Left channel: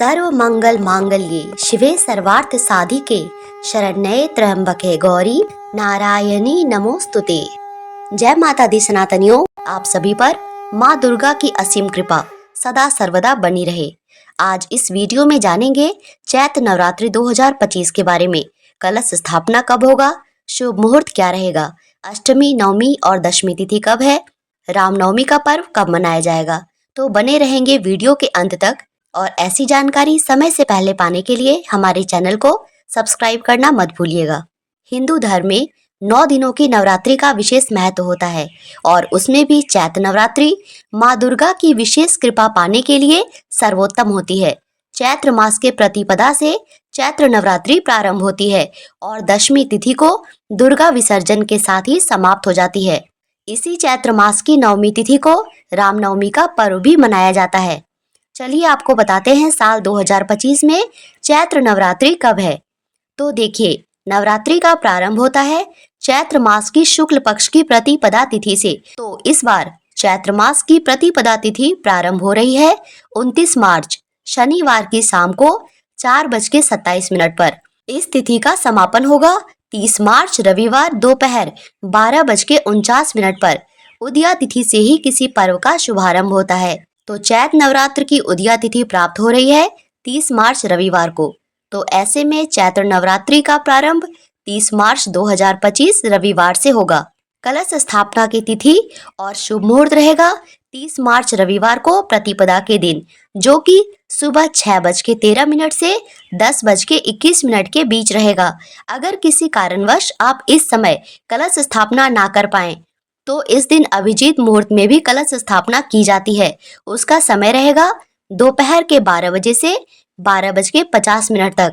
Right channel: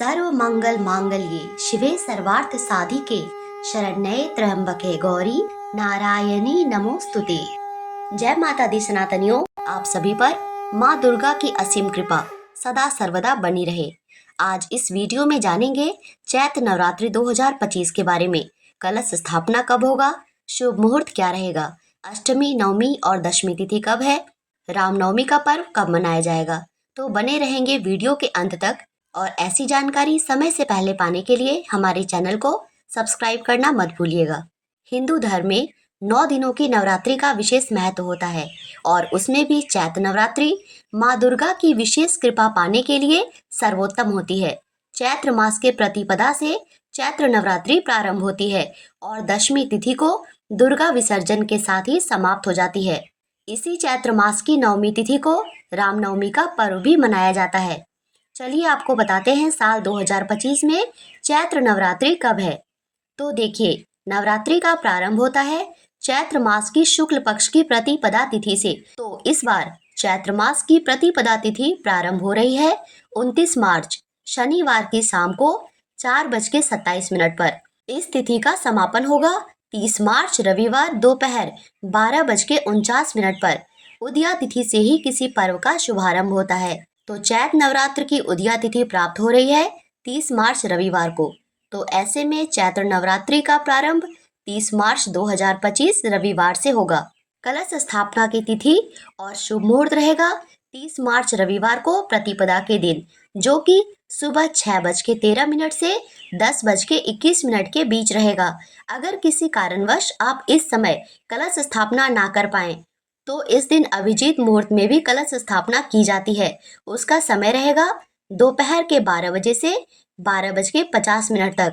सर्व मंगल मांगल्ये शिवे सर्वार्थ साधिके शरण्ये त्र्यंबके गौरी नारायणी नमोस्तुते। जय माता दी सनातनियों, आप सभी पर माँ दुर्गा की असीम कृपा सदा सर्वदा बनी रहे। आज इस वीडियो में जानेंगे चैत्र नवरात्रि 2025 के बारे में। कलश स्थापना कब होगा, शुभ मुहूर्त क्या रहेगा, अष्टमी, नवमी और दशमी तिथि कब है, रामनवमी का पर्व कब मनाया जाएगा। तो बने रहेंगे वीडियो के अंत तक और ऐसी जानकारी समय से पहले पाने के लिए हमारे चैनल को सब्सक्राइब करना मत भूलिएगा। हिंदू धर्म में 9 दिनों की नवरात्रि का विशेष महत्व होता है और उसमें भी चैत्र नवरात्रि माँ दुर्गा की विशेष कृपा पाने के लिए सर्वोत्तम होती है। चैत्र मास के प्रतिपदा से चैत्र नवरात्रि प्रारंभ होती है और दशमी तिथि को दुर्गा विसर्जन के साथ ही समाप्त हो जाती है। इसी चैत्र मास की नवमी तिथि को रामनवमी का पर्व भी मनाया जाता है। चलिए आपको बताते हैं साल 2025 में चैत्र नवरात्रि कब है। तो देखिए, नवरात्रि का प्रारंभ होता है चैत्र मास की शुक्ल पक्ष की प्रतिपदा तिथि से। तो इस बार चैत्र मास की प्रतिपदा तिथि प्रारंभ हो रही है 29 मार्च शनिवार की शाम को 4:27 पर। इस तिथि का समापन होगा 30 मार्च रविवार दोपहर 12:49 पर। उदया तिथि से ही किसी पर्व का शुभारंभ होता है। तो चैत्र नवरात्र की उदया तिथि प्राप्त हो रही है 30 मार्च रविवार को। तो ऐसे में चैत्र नवरात्रि का प्रारंभ 30 मार्च 2025 रविवार से होगा। कलश स्थापना की तिथि और शुभ मुहूर्त रहेगा 30 मार्च रविवार को प्रतिपदा के दिन, जो कि सुबह 6:13 से 10:21 के बीच रहेगा। अगर किसी कारणवश आप इस समय कलश स्थापना ना कर पाए तो इस दिन अभिजीत मुहूर्त में भी कलश स्थापना की जाती है। उसका समय रहेगा दोपहर के 12 बजे से 12:50 तक।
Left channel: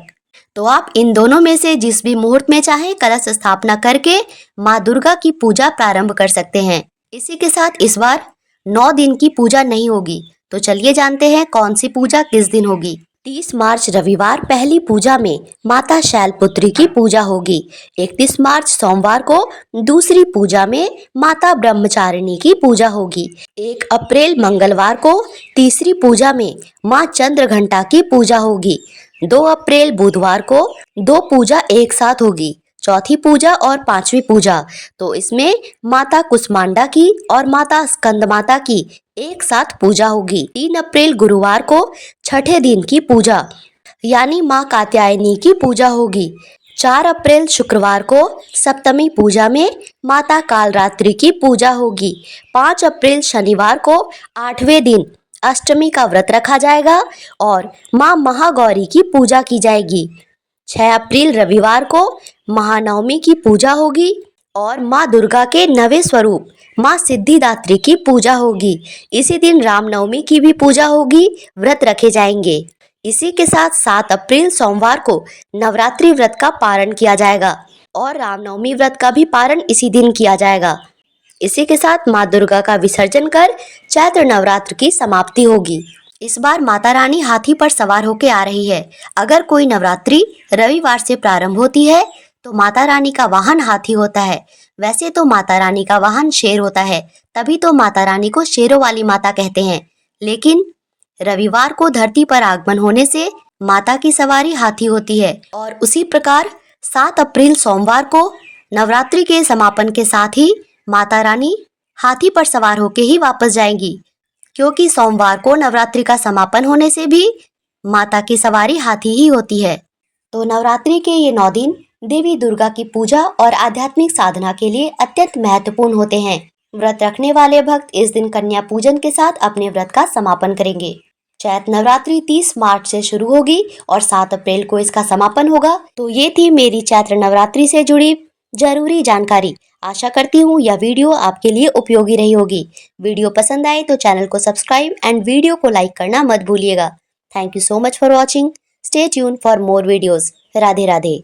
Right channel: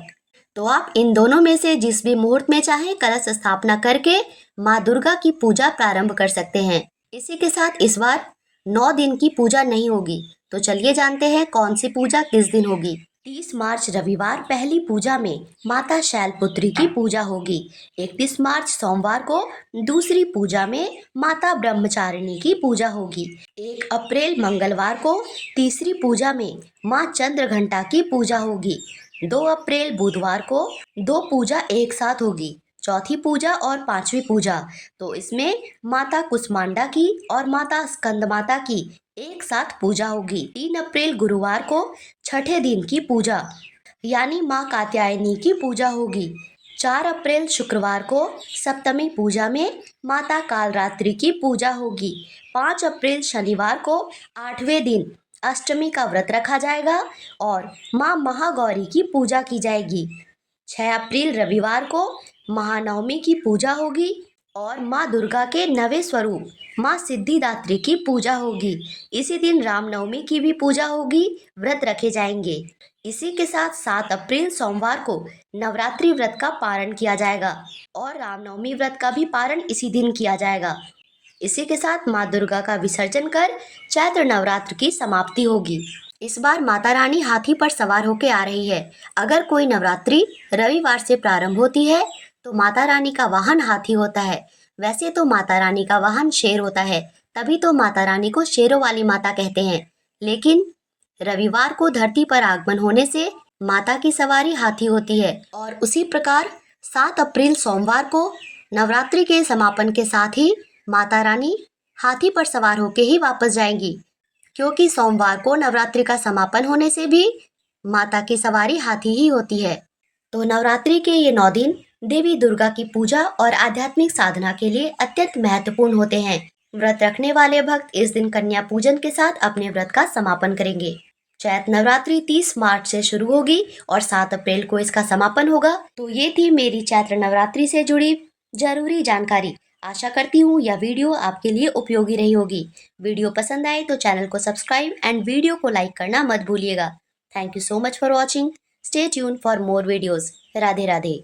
तो आप इन दोनों में से जिस भी मुहूर्त में चाहे कलश स्थापना करके माँ दुर्गा की पूजा प्रारंभ कर सकते हैं। इसी के साथ इस बार 9 दिन की पूजा नहीं होगी। तो चलिए जानते हैं कौन सी पूजा किस दिन होगी। 30 मार्च रविवार पहली पूजा में माता शैलपुत्री की पूजा होगी। 31 मार्च सोमवार को दूसरी पूजा में माता ब्रह्मचारिणी की पूजा होगी। 1 अप्रैल मंगलवार को तीसरी पूजा में माँ चंद्रघंटा की पूजा होगी। 2 अप्रैल बुधवार को 2 पूजा एक साथ होगी, चौथी पूजा और पांचवी पूजा। तो इसमें माता कुष्मांडा की और माता स्कंद माता की एक साथ पूजा होगी। 3 अप्रैल गुरुवार को छठे दिन की पूजा यानी माँ कात्यायनी की पूजा होगी। 4 अप्रैल शुक्रवार को सप्तमी पूजा में माता कालरात्रि की पूजा होगी। 5 अप्रैल शनिवार को 8वें दिन अष्टमी का व्रत रखा जाएगा और माँ महागौरी की पूजा की जाएगी। 6 अप्रैल रविवार को महानवमी की पूजा होगी और माँ दुर्गा के नवे स्वरूप माँ सिद्धिदात्री की पूजा होगी। इसी दिन रामनवमी की भी पूजा होगी, व्रत रखे जाएंगे। इसी के साथ 7 अप्रैल सोमवार को नवरात्रि व्रत का पारण किया जाएगा और रामनवमी व्रत का भी पारण इसी दिन किया जाएगा। इसी के साथ माँ दुर्गा का विसर्जन कर चैत्र नवरात्र की समाप्ति होगी। इस बार माता रानी हाथी पर सवार होकर आ रही है। अगर कोई नवरात्रि रविवार से प्रारंभ होती है तो माता रानी का वाहन हाथी होता है। वैसे तो माता रानी का वाहन शेर होता है, तभी तो माता रानी को शेरों वाली माता कहते हैं। लेकिन रविवार को धरती पर आगमन होने से माता की सवारी हाथी होती है। और उसी प्रकार 7 अप्रैल सोमवार को नवरात्रि के समापन के साथ ही माता रानी हाथी पर सवार होकर ही वापस जाएंगी, क्योंकि सोमवार को नवरात्रि का समापन होने से भी माता की सवारी हाथी ही होती है। तो नवरात्रि के ये 9 दिन देवी दुर्गा की पूजा और आध्यात्मिक साधना के लिए अत्यंत महत्वपूर्ण होते हैं। व्रत रखने वाले भक्त इस दिन कन्या पूजन के साथ अपने व्रत का समापन करेंगे। चैत्र नवरात्रि 30 मार्च से शुरू होगी और 7 अप्रैल को इसका समापन होगा। तो ये थी मेरी चैत्र नवरात्रि से जुड़ी जरूरी जानकारी। आशा करती हूँ यह वीडियो आपके लिए उपयोगी रही होगी। वीडियो पसंद आए तो चैनल को सब्सक्राइब एंड वीडियो को लाइक करना मत भूलिएगा। Thank you so much for watching. Stay tune for more videos. Radhe Radhe.